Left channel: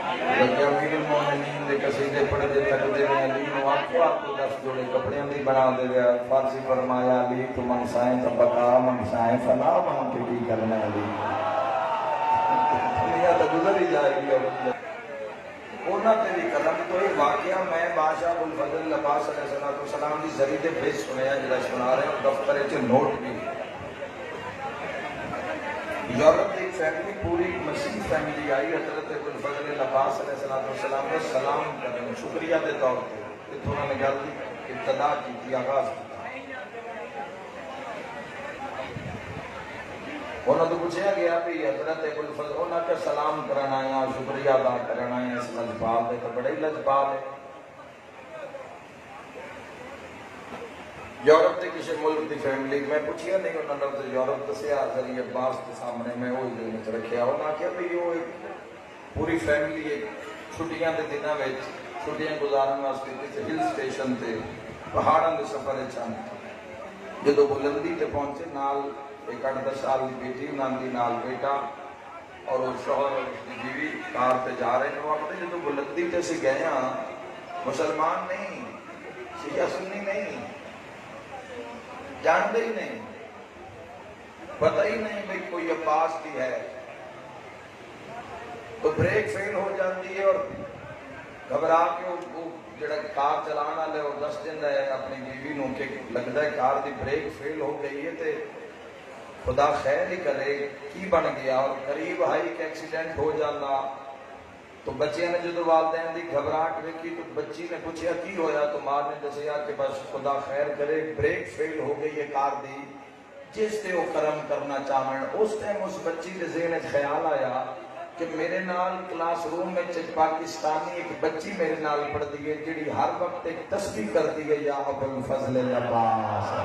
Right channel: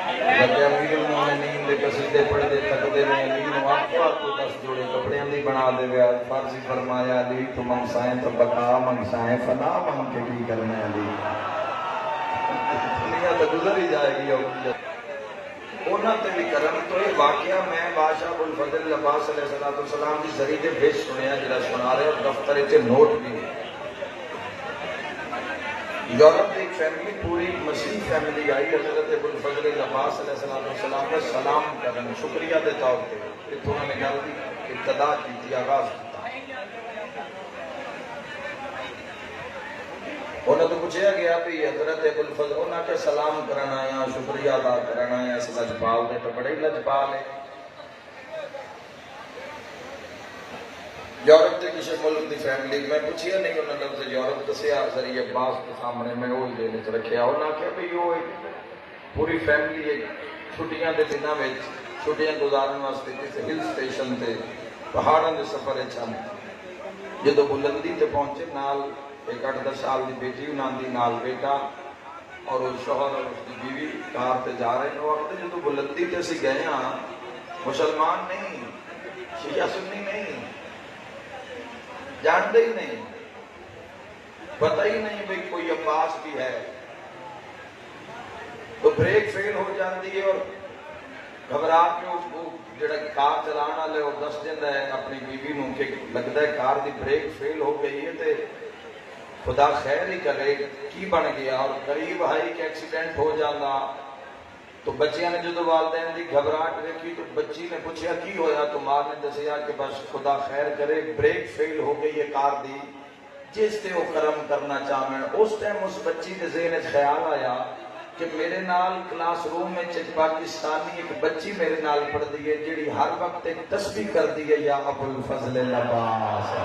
جب امیر المومنین دے قصیدے پڑھتے تھکتے ہیں علی نو آخو آخو 10 جوڑے کپڑے دی بنا دے گا فارسی فرمایا علی تو منگسائیں تو بقا منگسائیں فنا مانگ کے کی کرنا ہے علی دنیا تو گزر ہی جائے گی اور اونا تے بھی کرم تو یہ واقعہ میں بادشاہ ابوالفضل عباس علیہ السلام کی ذریعے بیچ سنے ہیں جڑا سنا رہے اور دفتر سے نوٹ بھی یورپ کی ایک فیملی پوری مسیح فیملی آئی حضرت ابوالفضل عباس علیہ السلام نے سلام کرنے شکریہ دے طور پہ اتوں نے گل دی ابتدا کی تھی آغاز کی انہوں تو پوچھا گیا بھی حضرت ابوالفضل انہوں نے سلام کرنا یا شکریہ ادا کرنا یا اس لجپال دے تو بڑے ہی لجپال ہے یورپ کے کسی ملک دی فیملی میں پوچھیا نہیں انہوں نے لفظ یورپ دسیا ذریعے عباس کے سامنے میں وہی دینے چ رکھیا انہوں نے کہا بھی وہ پوری فیملی چھٹیاں دے دنوں میں چھٹیاں گزارنے واسطے کسی ہل اسٹیشن تے پہاڑاں دے سفر چن جدو بلندی تے پہنچے نال ایک 8-10 سال کی بیٹی انہوں دی نال بیٹا اور اس شوہر اور اس کی بیوی کار تے جا رہے ہیں وقت جدو بلندی تے اسی گئے ہاں مسلمان نہیں شیعہ سنی نہیں جانتے ہی نہیں پتہ ہی نہیں بھئی کوئی عباس بھی ہے تو بریک فیل ہو جاتی ہے اور گھبرا کے وہ جڑا کار چلانا والے وہ دس دینا ہے اپنی بیوی نو کہ لگتا ہے کار دی بریک فیل ہو گئی ہے تے خدا خیر ہی کرے کی بن گیا اور قریب آئی کہ ایکسیڈنٹ ہو جانا تو بچیاں نے جدو والدین دی گھبراہٹ دیکھی تو بچی نے پوچھا کی ہویا تو ماں نے دسیا کہ بس خدا خیر کرے بریک فیل ہو گئی ہے کار دی جس سے وہ کرم کرنا چاہیں اس ٹائم اس بچی کے ذہن وچ خیال آیا کہ میرے نال کلاس روم میں پاکستانی ایک بچی میرے نال پڑھتی ہے جڑی ہر وقت ایک تسبیح کرتی ہے یا ابوالفضل عباس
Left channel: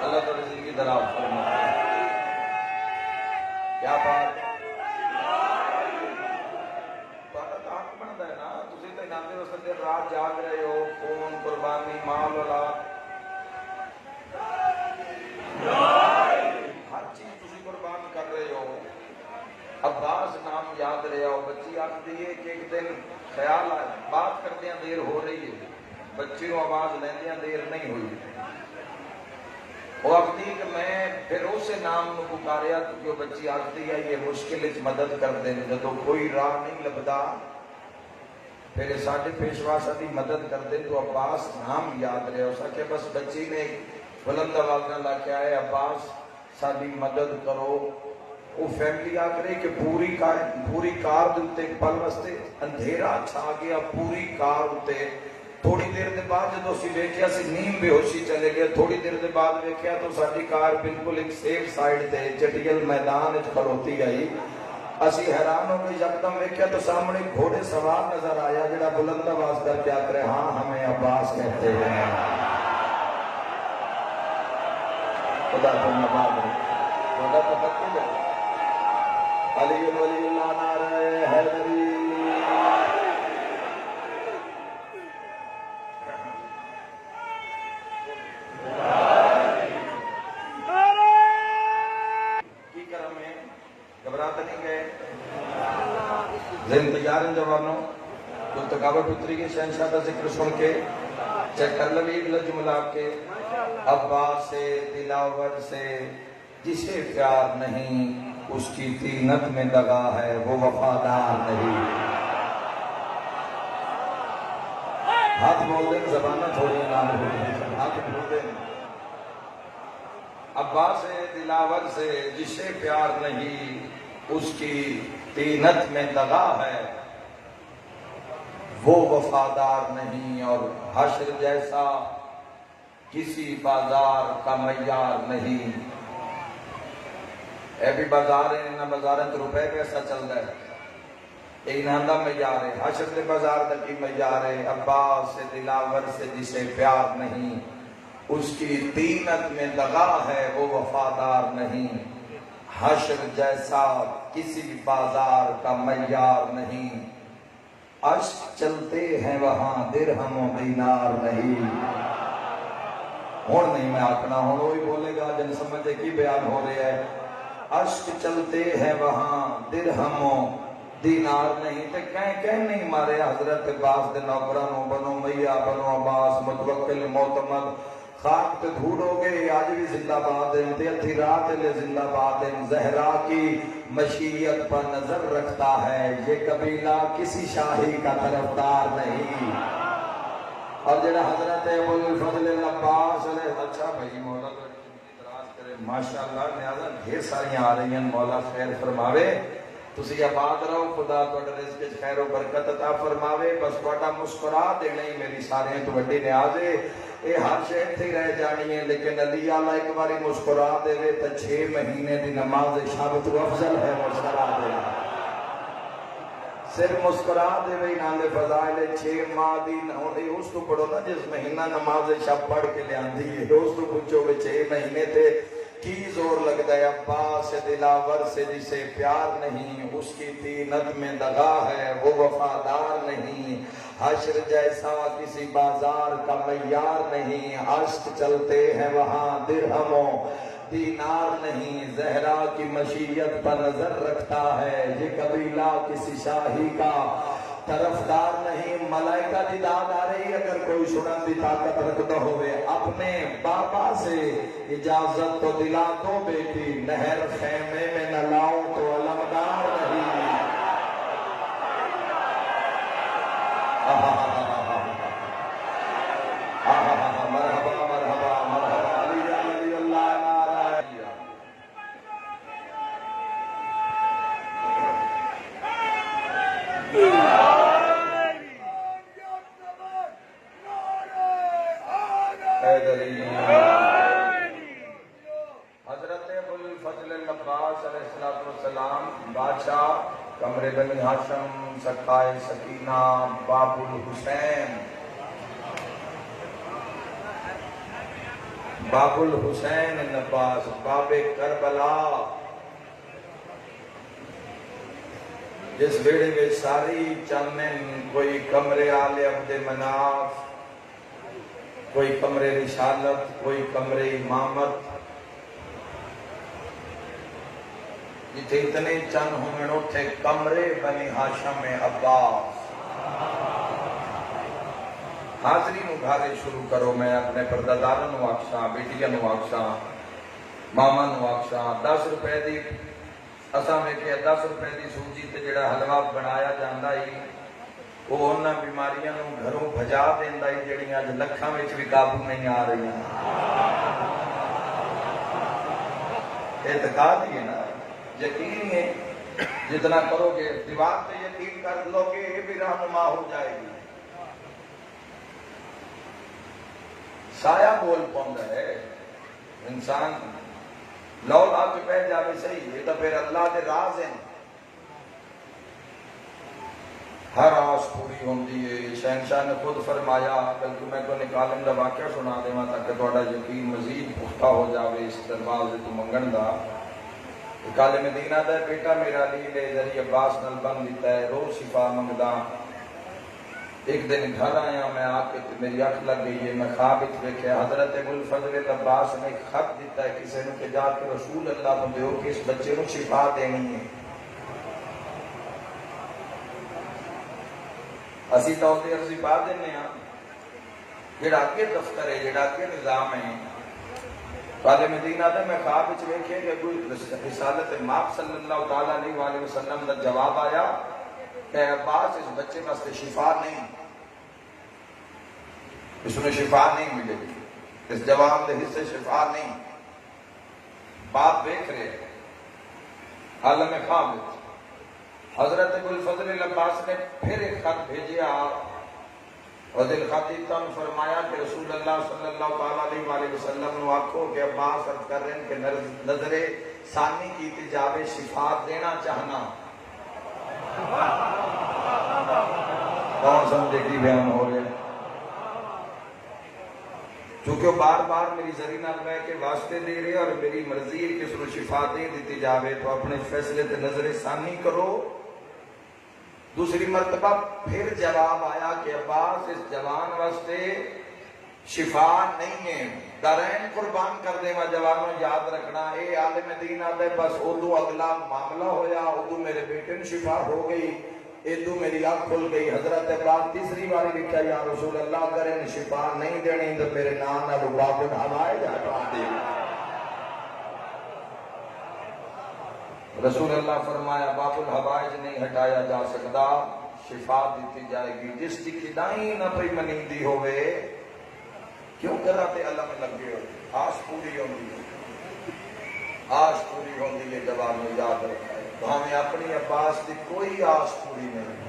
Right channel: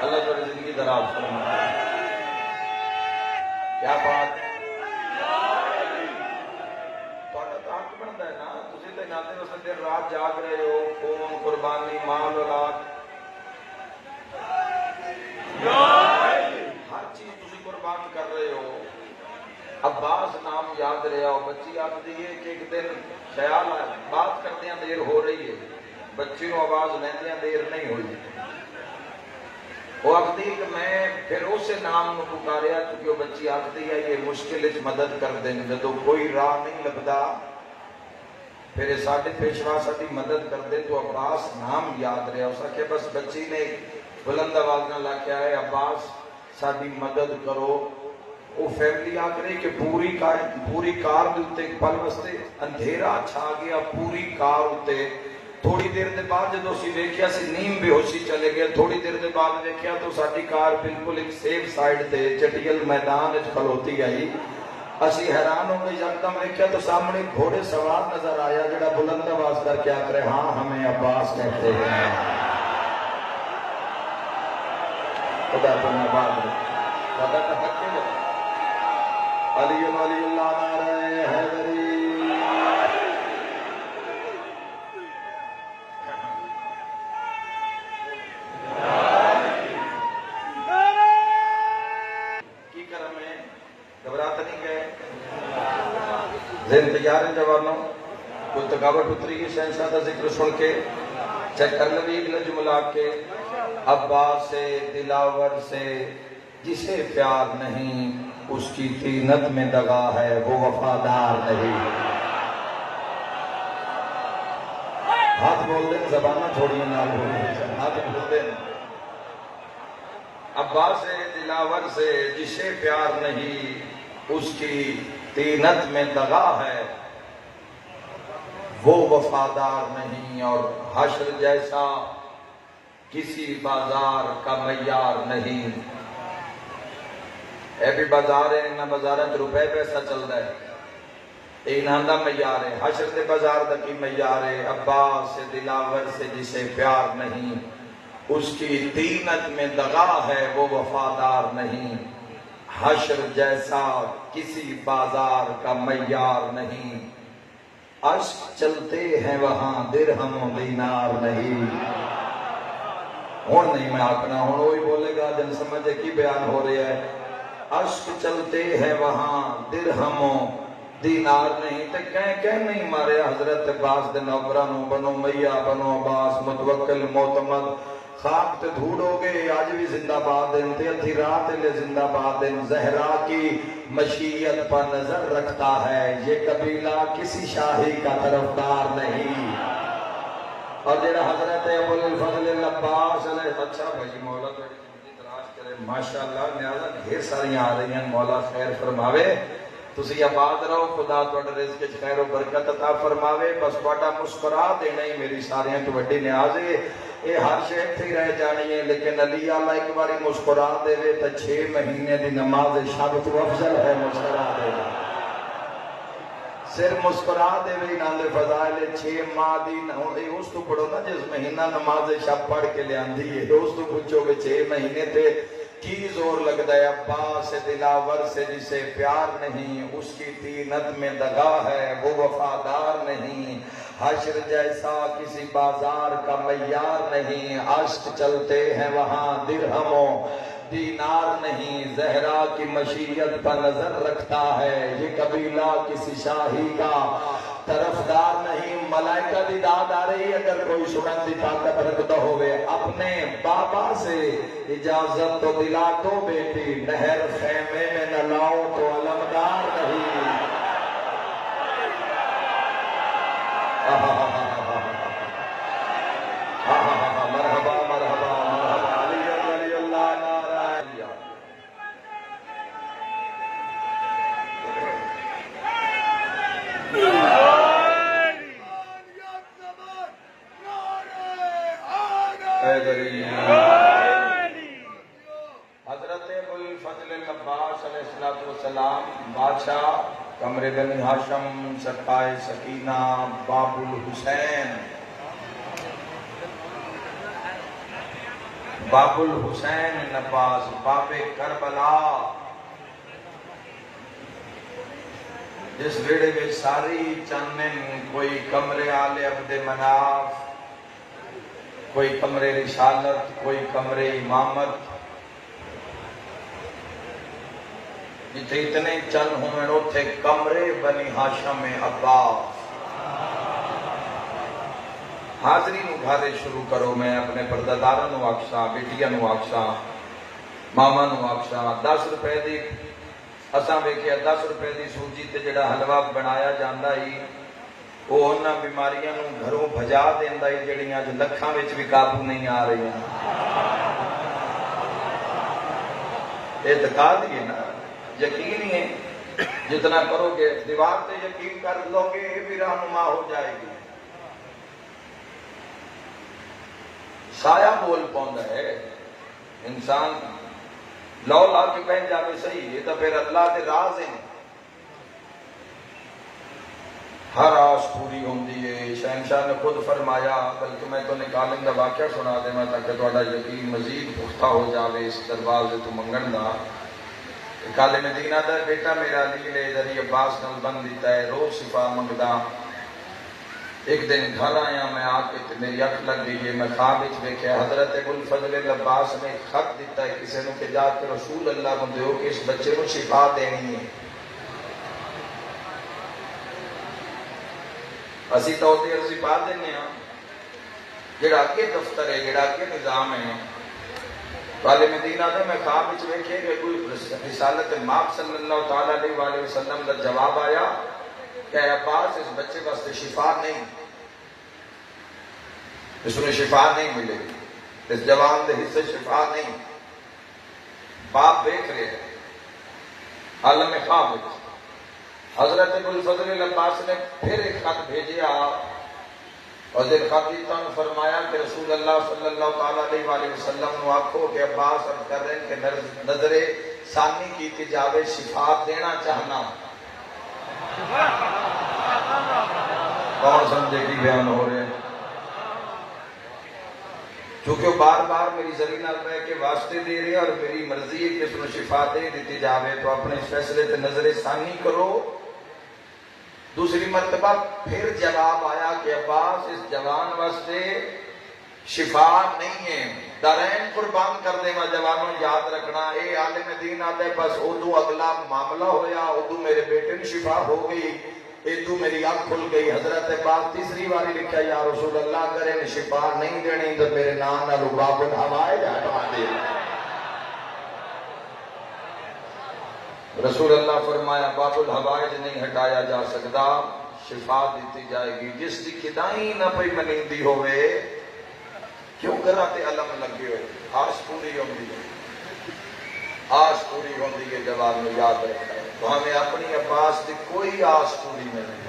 اللہ تعالی زندگی دراز فرمائے کیا بات تو حق بنتا ہے نا تسی تے ناتے اس دن رات جاگ رہے ہو خون قربانی مال اولاد ہر چیز تسی قربان کر رہے ہو عباس نام یاد رہا ہو بچی آپ دی ہے کہ ایک دن خیال بات کرتے ہیں دیر ہو رہی ہے بچی نو آواز لیندے ہیں دیر نہیں ہوئی وہ آختی کہ میں پھر اسے نام کو پکاریا کیونکہ وہ بچی آختی ہے یہ مشکل وچ مدد کر دیں جدو کوئی راہ نہیں لبدا پھر ساڈے پیشوا ساری مدد کر دے تو عباس نام یاد رہا اس آخیا بس بچی نے بلند آواز نہ لا کے آئے عباس ساری مدد کرو وہ فیملی آ رہی کہ پوری کار دے اوتے پل واسطے اندھیرا چھا گیا پوری کار اوتے تھوڑی دیر دے بعد جدو اسی ویکھیا سی نیم بے ہوشی چلے گئے تھوڑی دیر دے بعد ویکھیا تو ساری کار بالکل ایک سیف سائیڈ تے چٹیل میدان وچ کھلوتی آئی اسی حیران ہو گئے یکدم ویکھیا تو سامنے گھوڑے سوار نظر آیا جڑا بلند آواز کر کے آ رہے ہاں ہمیں عباس کہتے ہیں خدا تو نباد خدا تو کہتے ہیں علی ولی اللہ نعرہ حیدری گھبراتا نہیں گئے ذہن تیار ہیں جوانوں کوئی تھکاوٹ اتری گئی شہنشاہ کا ذکر سن کے چیک کر لو ایک لفظ ملا کے عباس سے دلاور سے جسے پیار نہیں اس کی طینت میں دغا ہے وہ وفادار نہیں ہاتھ بولتے ہیں زبانیں تھوڑی نال بولتے ہیں ہاتھ بولتے ہیں عباس سے دلاور سے جسے پیار نہیں اس کی طینت میں دغا ہے وہ وفادار نہیں اور حشر جیسا کسی بازار کا معیار نہیں اے بھی بازار ہے نہ بازار روپے پیسہ چل رہا ہے انہاں دا معیار ہے حشر دے بازار دا کی معیار ہے عباس سے دلاور سے جسے پیار نہیں اس کی طینت میں دغا ہے وہ وفادار نہیں حشر جیسا کسی بازار کا معیار نہیں اشک چلتے ہیں وہاں درہم و دینار نہیں ہون نہیں میں آکنا ہون وہی بولے گا جن سمجھے کی بیان ہو رہا ہے اشک چلتے ہیں وہاں درہموں دینار نہیں تے کہیں نہیں مارے حضرت عباس دے نوکرانوں بنو میاں بنو عباس متوکل معتمد خاک تے دھوڑ ہو گئے آج بھی زندہ باد ہیں تے اتھی رات لے زندہ باد ہیں زہرا کی مشیت پر نظر رکھتا ہے یہ قبیلہ کسی شاہی کا طرفدار نہیں اور جڑا حضرت ابو الفضل العباس علیہ اچھا بھائی مولا ماشاءاللہ نیازہ ڈھیر ساریاں آ رہی ہیں مولا خیر فرماوے تسی آباد رہو خدا تہاڈے رزق وچ خیر و برکت عطا فرماوے بس تہاڈا مسکرا دینا ہی میری ساریاں تو وڈی نیاز ہے اے ہر شے اتھے ہی رہ جانی ہے لیکن علی اعلیٰ ایک باری مسکرا دے تے 6 مہینے دی نماز شب تو افضل ہے مسکرا دے سر مسکرا دے وے نال فضائل 6 ماہ دی ہوے اس تو پڑھو نا جس مہینہ نماز شب پڑھ کے لیاندی ہے اس تو پوچھو کہ 6 مہینے تے کی زور لگتا ہے عباس دلاور سے جسے پیار نہیں اس کی طینت میں دغا ہے وہ وفادار نہیں حشر جیسا کسی بازار کا معیار نہیں اشک چلتے ہیں وہاں درہموں دینار نہیں زہرا کی مشیت پر نظر رکھتا ہے یہ قبیلہ کسی شاہی کا طرفدار نہیں ملائکہ دی داد آ رہی اگر کوئی سنن دی طاقت رکھتا ہوئے اپنے بابا سے اجازت تو دلا دو بیٹی نہر خیمے میں نہ لاؤ تو علمدار نہیں مرحبا مرحبا مرحبا علی اللہ نعرہ حضرت ابو الفضل العباس علیہ السلام بادشاہ قمر بن ہاشم سقائے سکینہ باب الحسین باب الحسین العباس باب کربلا جس بیڑے میں ساری چنن کوئی کمر آل عبد مناف کوئی کمر رسالت کوئی کمر امامت جتنے اتنے چند ہوئے اتنے کمرے بنی ہاشم عباس حاضری نگھارے شروع کرو میں اپنے پردادارہ نو آکشاں بیٹیاں نو آکشاں ماما نو آکشاں 10 روپے دی اساں ویکھیا 10 روپے دی سوجی تے جڑا حلوہ بنایا جاندا ہی وہ انہاں بیماریاں نو گھروں بھجا دیندا ہی جڑیاں جو لکھاں وچ بھی قابو نہیں آ رہی اعتقاد ہی ہے نا یقین ہی ہے جتنا کرو گے دیوار تے یقین کر لو گے یہ بھی رہنما ہو جائے گی سایہ بول پوندا ہے انسان لو لا کے پہن جاوے صحیح یہ تو پھر اللہ دے راز ہیں ہر آس پوری ہوندی ہے شہنشاہ نے خود فرمایا بلکہ میں تو نکالن دا واقعہ سنا دینا تاکہ تھوڑا یقین مزید پختہ ہو جاوے اس دربار سے تو منگن دا کالے مدینہ دا بیٹا میرا علی نے ذریعہ عباس نل بن دیتا ہے روز شفا منگدا ایک دن گھر آیا میں آ کے میری اکھ لگ گئی ہے میں خواب وچ دیکھے حضرت ابو الفضل العباس نے خط دیتا ہے کسی نے کہ جا کے رسول اللہ کو دیو کہ اس بچے کو شفا دینی ہے اسی تو ہوتے ہیں شفا دینے ہیں جڑا کے دفتر ہے جڑا کے نظام ہے قال مدینہ دے میں خواب وچ ویکھے کہ کوئی رسالت ماپ صلی اللہ تعالی علیہ وآلہ وسلم کا جواب آیا کہ عباس اس بچے کا شفا نہیں اس میں شفا نہیں ملے گی اس جوان دے حصے شفا نہیں باپ دیکھ رہے عالم خواب حضرت ابو الفضل العباس نے پھر ایک خط بھیجیا اور جب خط دیتا ہوں فرمایا کہ رسول اللہ صلی اللہ تعالی علیہ وآلہ وسلم نے آپ کو کہ عباس عرض کر رہے ہیں کہ نظر ثانی کی تجاوے شفا دینا چاہنا کون سمجھے کی بیان ہو رہے چونکہ وہ بار بار میری ذریعہ نال رہ کے واسطے دے رہے اور میری مرضی ہے کہ اس نے شفا دے دیتی جاوے تو اپنے فیصلے تے نظر ثانی کرو دوسری مرتبہ پھر جواب آیا کہ عباس اس جوان واسطے شفا نہیں ہے دارین قربان کر دے میں جوانوں یاد رکھنا اے عالم دین آتے بس ادو اگلا معاملہ ہویا ادو میرے بیٹے نے شفا ہو گئی ادو میری آنکھ کھل گئی حضرت پاک تیسری باری لکھا یا رسول اللہ اگر انہیں شفا نہیں دینی تو میرے نام نہ باب الحوائج ہٹوا دے رسول اللہ فرمایا باب الحوائج نہیں ہٹایا جا سکتا شفا دیتی جائے گی جس کی کدائی نہ پئی منیندی ہوئے کیوں کراتے علم لگے ہو آس پوری ہوندی ہے آس پوری ہوندی ہے جواب میں یاد رکھتا ہے تو ہمیں اپنی عباس کی کوئی آس پوری نہیں